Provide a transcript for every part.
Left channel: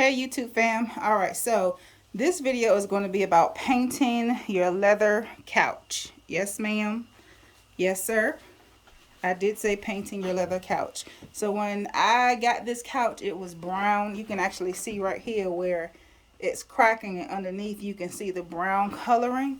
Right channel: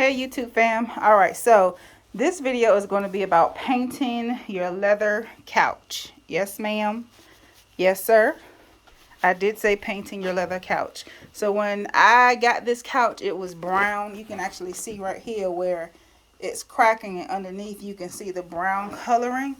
Hey YouTube fam. All right, so this video is going to be about painting your leather couch. Yes ma'am. Yes sir. I did say painting your leather couch. So when I got this couch, it was brown. You can actually see right here where it's cracking, and underneath you can see the brown coloring.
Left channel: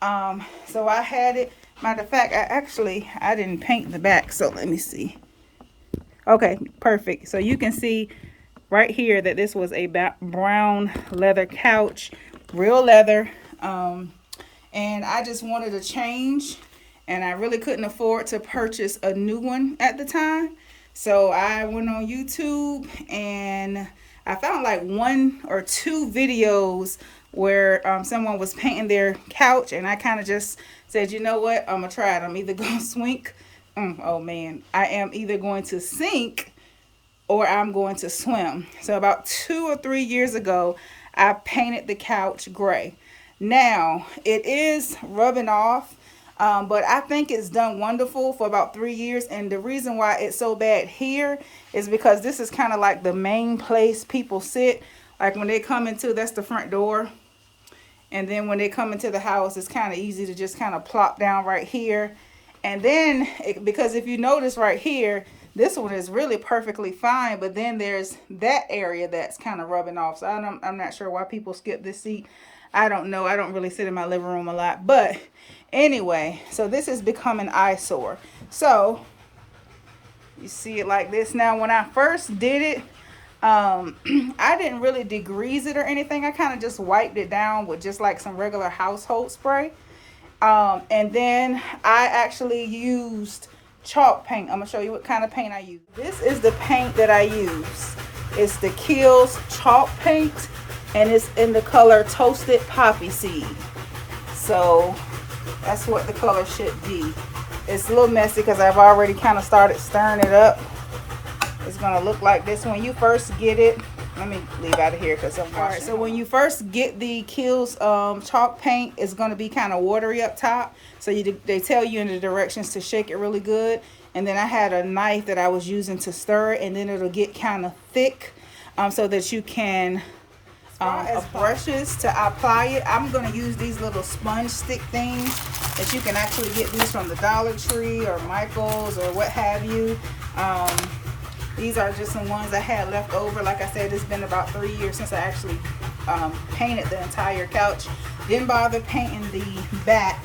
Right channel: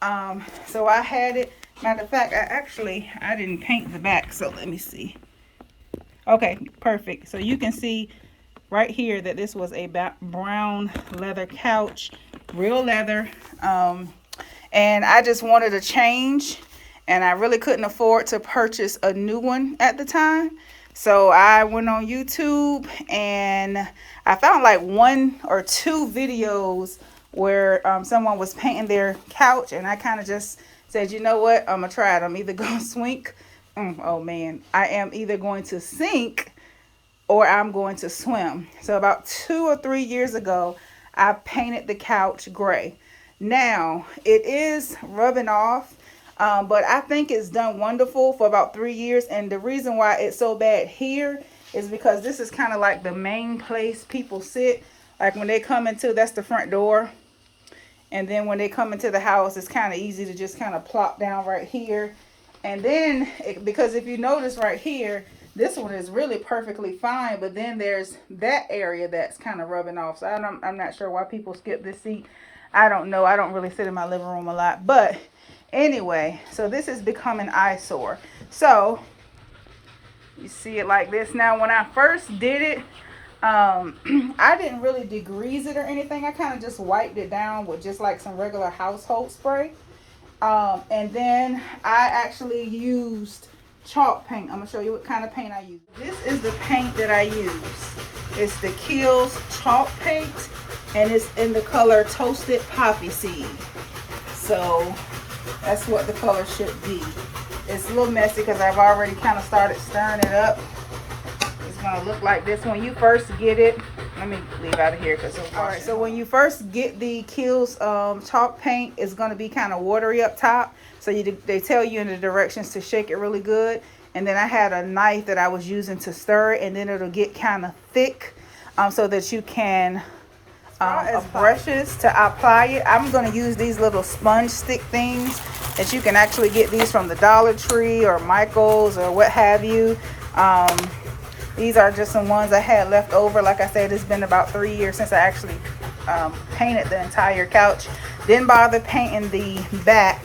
So I had it. Matter of fact, I didn't paint the back, so let me see. Okay, perfect. So you can see right here that this was a brown leather couch, real leather. And I just wanted a change, and I really couldn't afford to purchase a new one at the time. So I went on YouTube and I found like 1 or 2 videos where someone was painting their couch, and I kind of just said, you know what, I'm gonna try it. I'm either gonna swink. Oh man, I am either going to sink or I'm going to swim. So about 2 or 3 years ago, I painted the couch gray. Now it is rubbing off, but I think it's done wonderful for about 3 years. And the reason why it's so bad here is because this is kind of like the main place people sit. Like when they come into, that's the front door. And then when they come into the house, it's kind of easy to just kind of plop down right here. And then, because if you notice right here, this one is really perfectly fine, but then there's that area that's kind of rubbing off. So I'm not sure why people skip this seat. I don't know. I don't really sit in my living room a lot. But anyway, so this has become an eyesore. So you see it like this. Now, when I first did it, I didn't really degrease it or anything. I kind of just wiped it down with just like some regular household spray. And then I actually used chalk paint. I'm gonna show you what kind of paint I use. This is the paint that I use. It's the Kilz chalk paint, and it's in the color Toasted Poppy Seed. So that's what the color should be. It's a little messy because I've already kind of started stirring it up. It's gonna look like this when you first get it. Let me leave out of here because I'm washing. All right, so when you first get the Kilz chalk paint, it's gonna be kind of watery up top. So they tell you in the directions to shake it really good. And then I had a knife that I was using to stir it, and then it'll get kind of thick, so that you can as brushes to apply it. I'm gonna use these little sponge stick things that you can actually get these from the Dollar Tree or Michael's or what have you. These are just some ones I had left over. Like I said, it's been about 3 years since I actually painted the entire couch. Didn't bother painting the back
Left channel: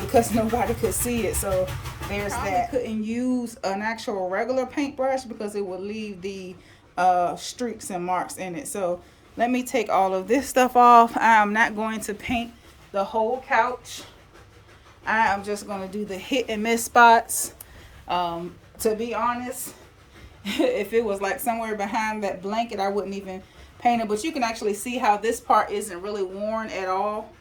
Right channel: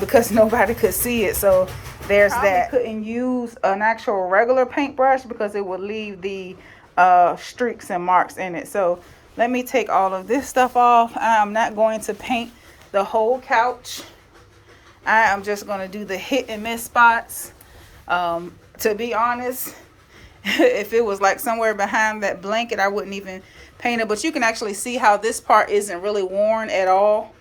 because nobody could see it. So there's that. Couldn't use an actual regular paintbrush because it would leave the streaks and marks in it. So let me take all of this stuff off. I'm not going to paint the whole couch. I am just going to do the hit and miss spots. To be honest, if it was like somewhere behind that blanket, I wouldn't even paint it. But you can actually see how this part isn't really worn at all,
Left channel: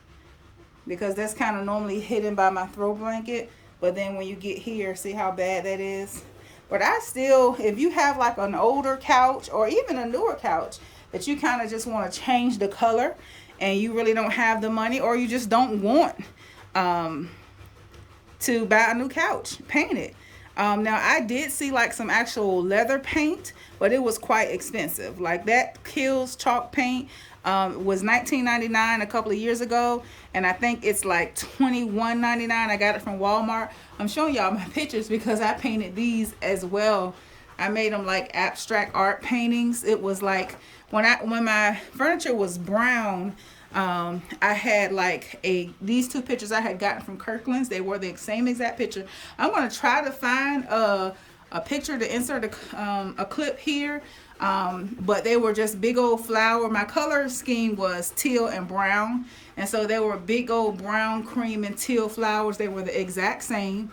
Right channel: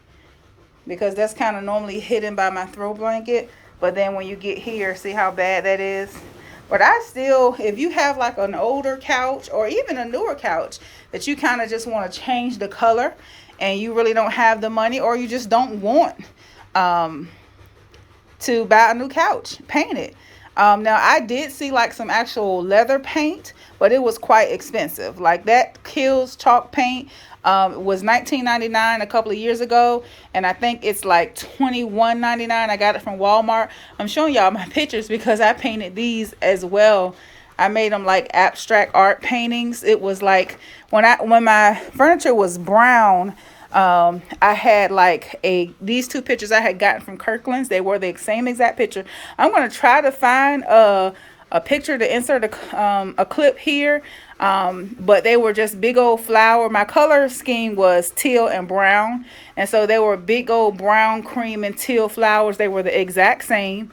because that's kind of normally hidden by my throw blanket. But then when you get here, see how bad that is. But I still, if you have like an older couch or even a newer couch that you kind of just want to change the color and you really don't have the money, or you just don't want to buy a new couch, paint it. Now I did see like some actual leather paint, but it was quite expensive. Like that Kilz chalk paint was $19.99 a couple of years ago, and I think it's like $21.99. I got it from Walmart. I'm showing y'all my pictures because I painted these as well. I made them like abstract art paintings. It was like when my furniture was brown, I had like these 2 pictures I had gotten from Kirkland's. They were the same exact picture. I'm going to try to find a picture to insert a clip here. But they were just big old flower. My color scheme was teal and brown. And so they were big old brown, cream, and teal flowers. They were the exact same.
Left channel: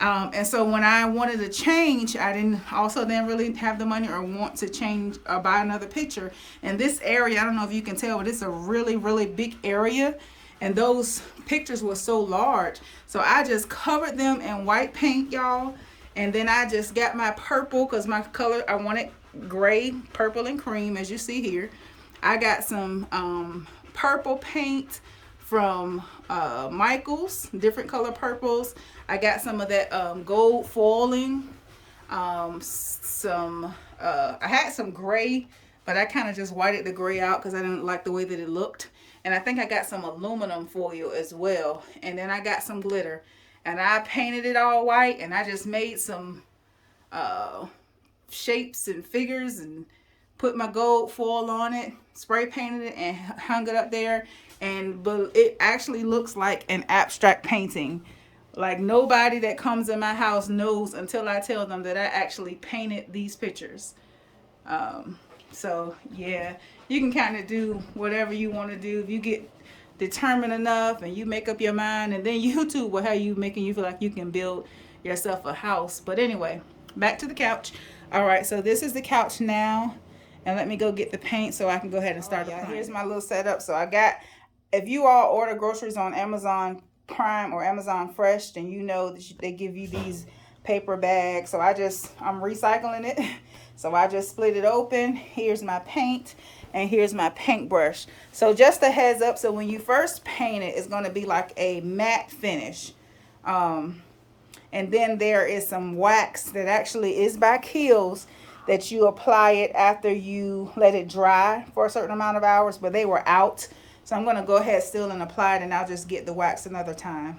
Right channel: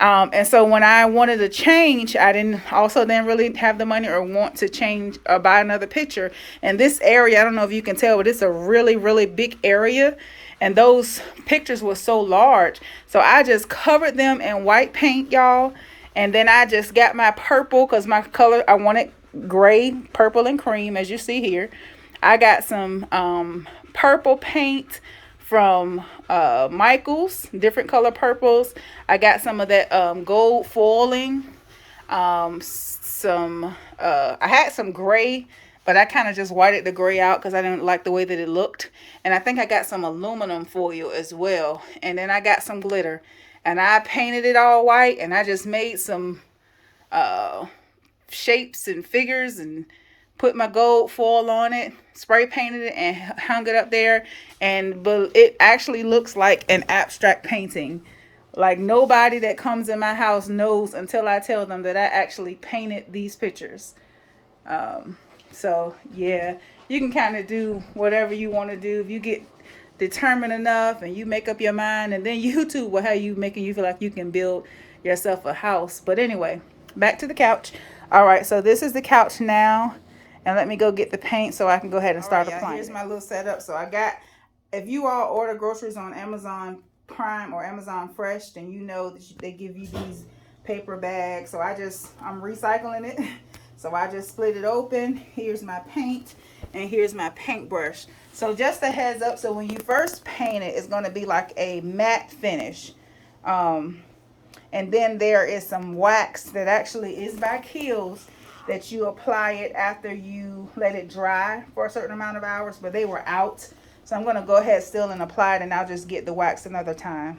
And so when I wanted to change, I didn't really have the money or want to change or buy another picture. And this area, I don't know if you can tell, but it's a really, really big area. And those pictures were so large. So I just covered them in white paint, y'all. And then I just got my purple, because my color, I wanted gray, purple, and cream, as you see here. I got some purple paint from Michael's, different color purples. I got some of that gold foiling. I had some gray but I kind of just whited the gray out because I didn't like the way that it looked. And I think I got some aluminum foil as well. And then I got some glitter. And I painted it all white. And I just made some shapes and figures and put my gold foil on it. Spray painted it and hung it up there. And it actually looks like an abstract painting. Like nobody that comes in my house knows until I tell them that I actually painted these pictures. So yeah, you can kind of do whatever you want to do. If you get determined enough and you make up your mind, and then YouTube will have you making you feel like you can build yourself a house. But anyway, back to the couch. All right, so this is the couch now. And let me go get the paint so I can go ahead and start applying. Here's my little setup. So I got, if you all order groceries on Amazon Prime or Amazon Fresh, then you know that they give you these paper bags. So I'm recycling it. So I just split it open. Here's my paint and here's my paintbrush. So just a heads up, so when you first paint it, it's going to be like a matte finish. And then there is some wax that actually is by Kilz that you apply it after you let it dry for a certain amount of hours, but they were out. So I'm going to go ahead still and apply it, and I'll just get the wax another time.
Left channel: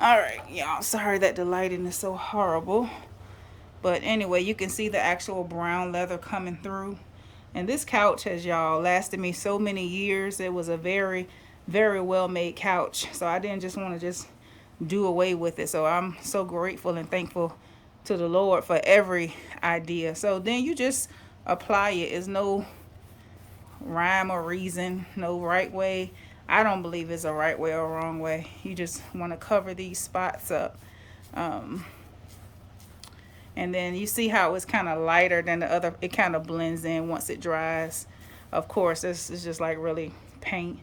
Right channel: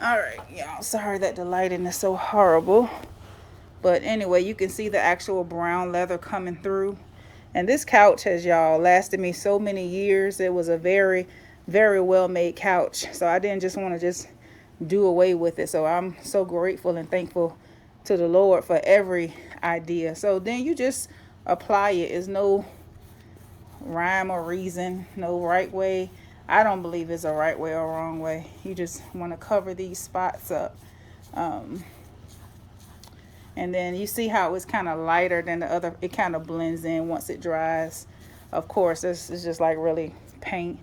All right, y'all, sorry that the lighting is so horrible. But anyway, you can see the actual brown leather coming through. And this couch has, y'all, lasted me so many years. It was a very, very well-made couch. So I didn't just want to just do away with it. So I'm so grateful and thankful to the Lord for every idea. So then you just apply it. There's no rhyme or reason, no right way. I don't believe it's a right way or wrong way. You just want to cover these spots up. And then you see how it's kind of lighter than the other. It kind of blends in once it dries. Of course, this is just like really paint.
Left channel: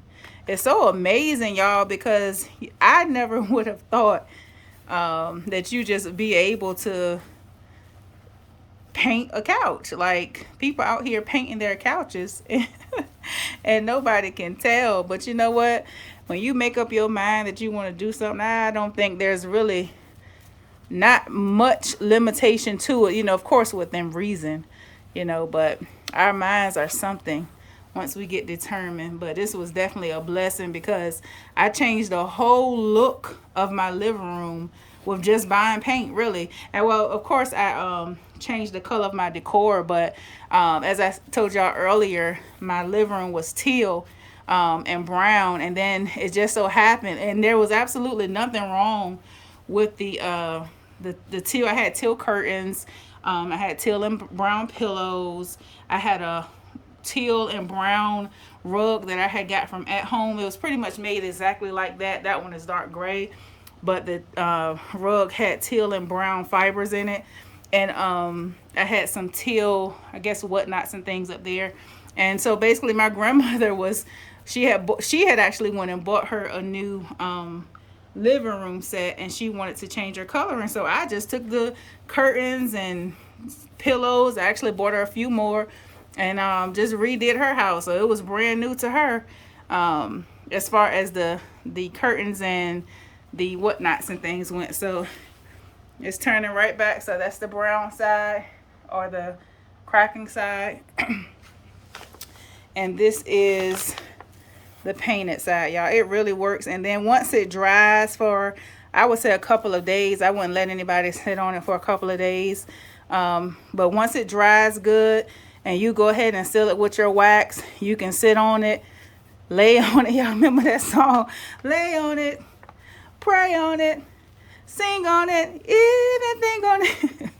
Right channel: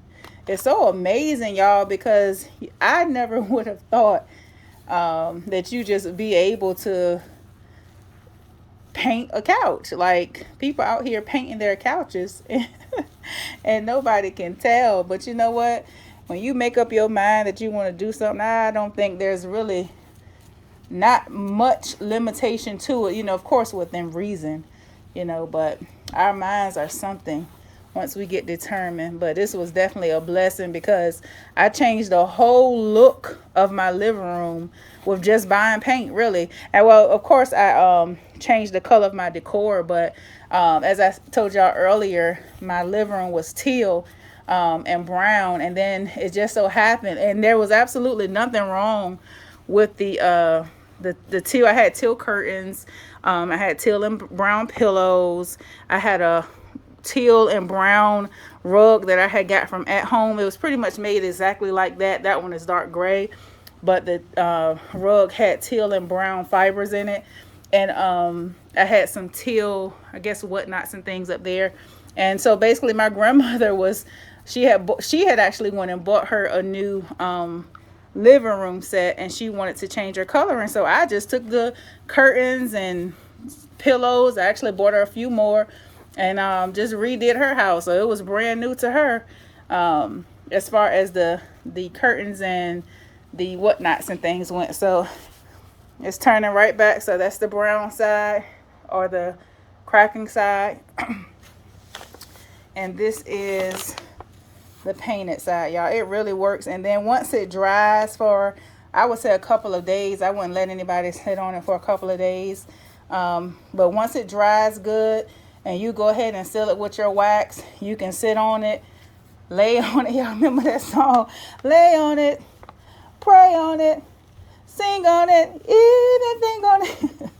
It's so amazing, y'all, because I never would have thought that you just be able to paint a couch. Like, people out here painting their couches and nobody can tell. But you know what? When you make up your mind that you want to do something, I don't think there's really not much limitation to it, you know, of course within reason, you know, but our minds are something once we get determined. But this was definitely a blessing because I changed the whole look of my living room with just buying paint, really. And well, of course I changed the color of my decor, but as I told y'all earlier, my living room was teal and brown, and then it just so happened, and there was absolutely nothing wrong with the teal. I had teal curtains. I had teal and brown pillows. I had a teal and brown rug that I had got from at home. It was pretty much made exactly like that. That one is dark gray, but the rug had teal and brown fibers in it. And I had some teal, I guess, whatnots and things up there. And so basically my grandmother she had actually went and bought her a new living room set, and she wanted to change her coloring. So I just took the curtains and pillows. I actually bought her a few more and just redid her house. So it was brand new to her as far as the curtains and the whatnots and things went. So it's turning right back. So that's the brown side, or the cracking side. And this is the painted side, y'all. It really works. And then once it dries for, I would say, a couple of days, I wouldn't let anybody sit on it for a couple of days, but once it dries good and you go ahead and seal it with your wax, you can sit on it, lay on it. Y'all remember that song? Lay on it, pray on it, sing on it, anything on it.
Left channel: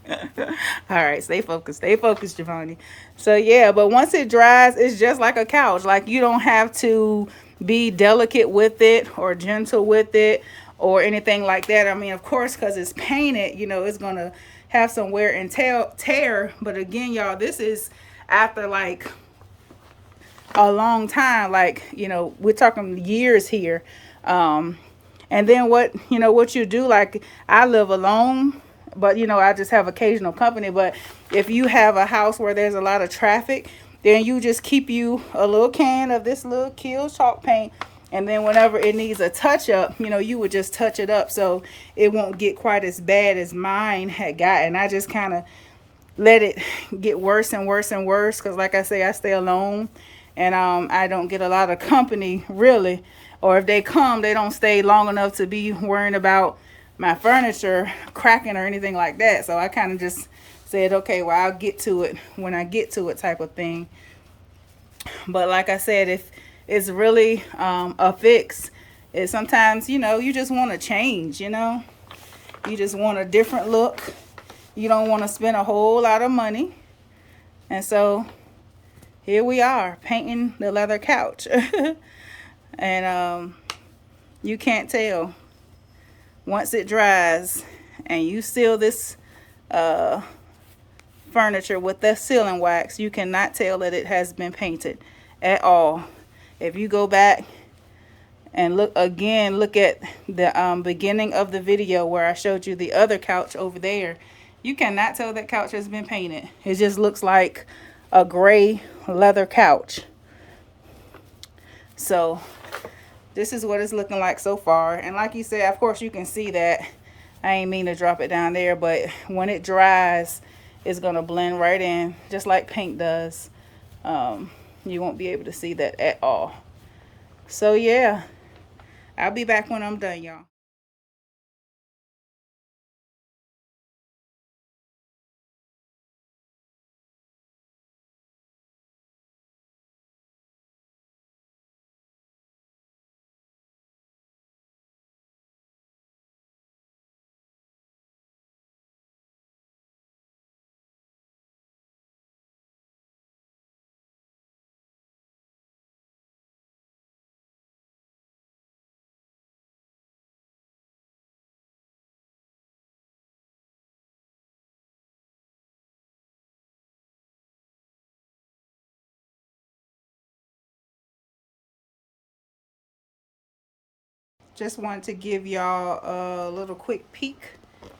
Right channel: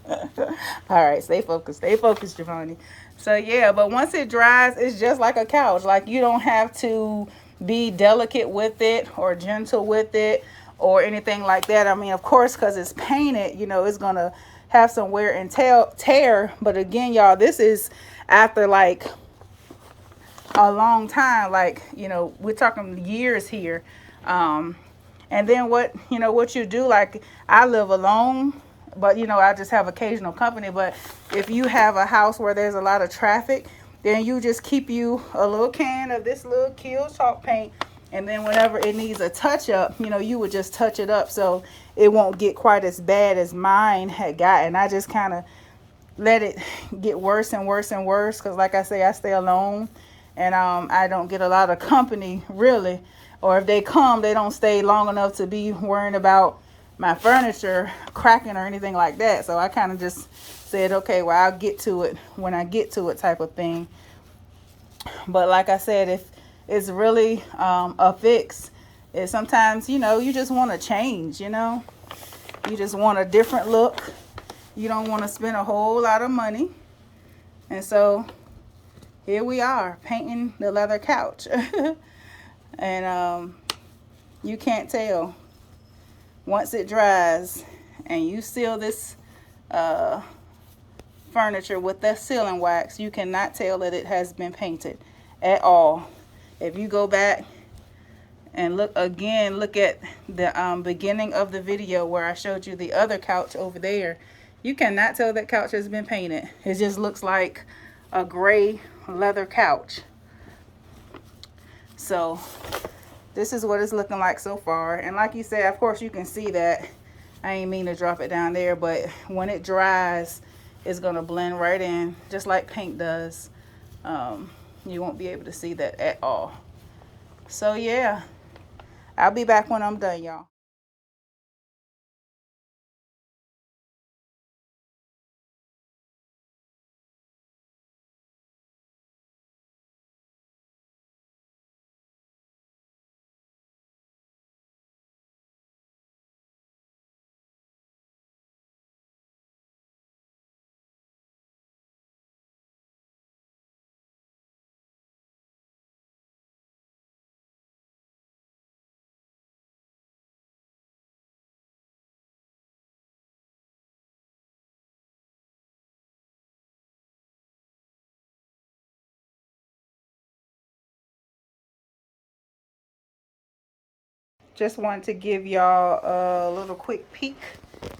All right, stay focused, Giovanni. So yeah, but once it dries, it's just like a couch. Like, you don't have to be delicate with it or gentle with it or anything like that. I mean, of course, because it's painted, you know, it's going to have some wear and tear. But again, y'all, this is after like a long time. Like, you know, we're talking years here. And then what you do, like, I live alone, but, you know, I just have occasional company. But if you have a house where there's a lot of traffic, then you just keep you a little can of this little Kilz chalk paint. And then whenever it needs a touch up, you know, you would just touch it up so it won't get quite as bad as mine had gotten. I just kind of let it get worse and worse and worse, because like I say, I stay alone, and I don't get a lot of company really, or if they come, they don't stay long enough to be worrying about my furniture cracking or anything like that. So I kind of just said, okay, well, I'll get to it when I get to it, type of thing. But like I said, if it's really a fix, it's sometimes, you know, you just want to change, you know, you just want a different look. You don't want to spend a whole lot of money. And so here we are, painting the leather couch. And you can't tell. Once it dries and you seal this furniture with the sealing wax, you cannot tell that it has been painted at all. If you go back and look at the beginning of the video where I showed you the other couch over there, you cannot tell that couch has been painted. It just looks like a gray leather couch. So this is what it's looking like so far. And like you said, of course you can see that. I ain't mean to drop it down there, but when it dries, it's gonna blend right in, just like paint does. You won't be able to see that at all. So yeah, I'll be back when I'm done, y'all. Just wanted to give y'all a little quick peek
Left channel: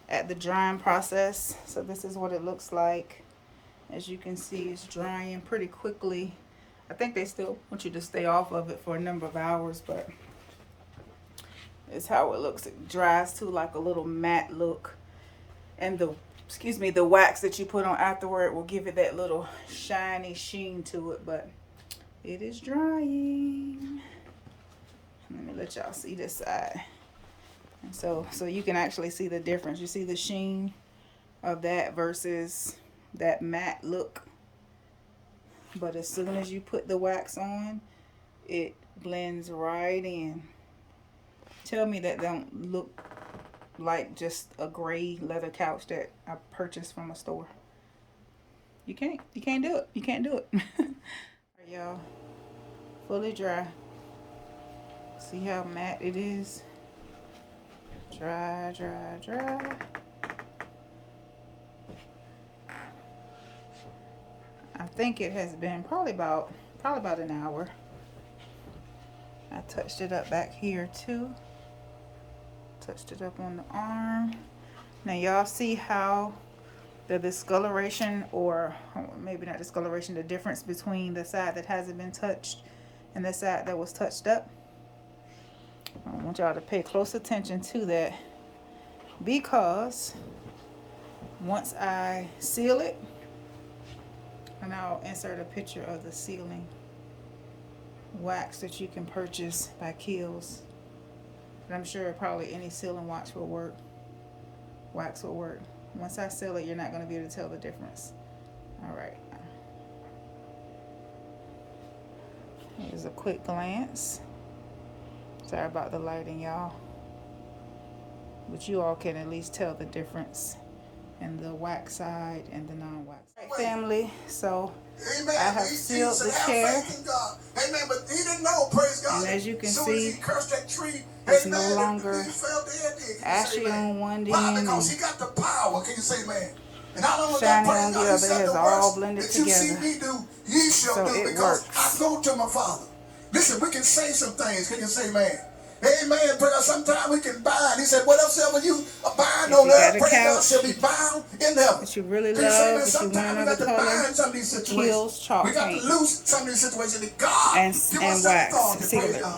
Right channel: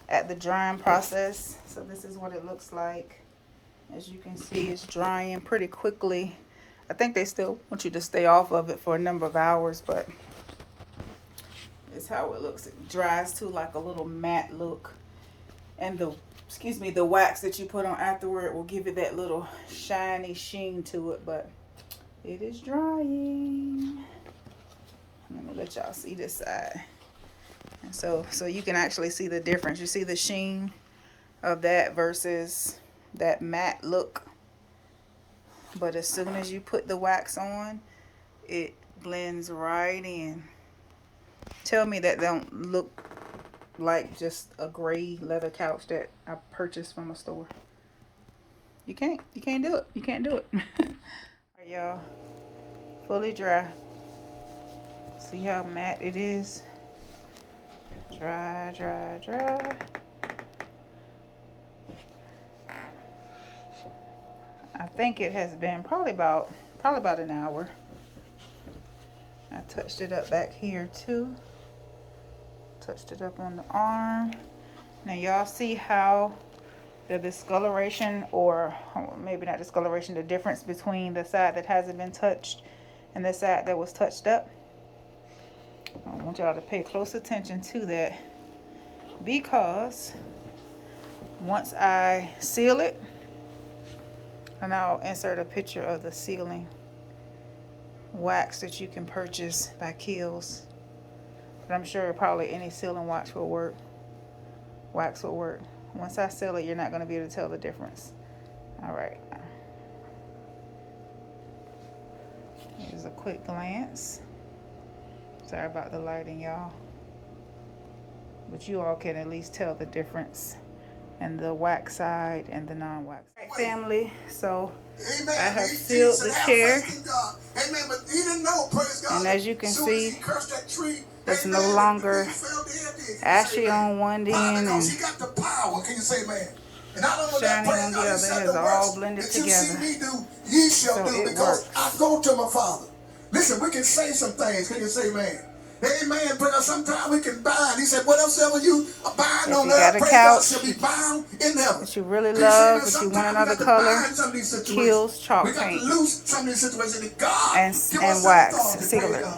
at the drying process. So this is what it looks like. As you can see, it's drying pretty quickly. I think they still want you to stay off of it for a number of hours, but it's how it looks. It dries to like a little matte look, and the wax that you put on afterward will give it that little shiny sheen to it. But it is drying. Let me let y'all see this side. And so you can actually see the difference. You see the sheen of that versus that matte look. But as soon as you put the wax on, it blends right in. Tell me that don't look like just a gray leather couch that I purchased from a store. You can't do it. You can't do it. All right, y'all, fully dry. See how matte it is? Dry, dry, dry. I think it has been probably about an hour. I touched it up back here too. Touched it up on the arm. Now y'all see how the discoloration, or maybe not discoloration, the difference between the side that hasn't been touched and the side that was touched up? I want y'all to pay close attention to that, because once I seal it, and I'll insert a picture of the sealing wax that you can purchase by Kilz, but I'm sure probably any sealing wax will work. Once I seal it, you're not going to be able to tell the difference. All right, here's a quick glance. Sorry about the lighting, y'all, but you all can at least tell the difference in the wax side and the non-wax. All right, family, so I have sealed the chair, and as you can see, it's no longer ashy on one end and shiny on the other. It has all blended together, so it works. I go to my Father. Listen, we can say some things. We can say, man, amen. Because sometimes we can bind. He said, whatever you bind on earth, pray God shall be bound in heaven. That you really love, but you want another color, Kilz chalk paint and wax sealer.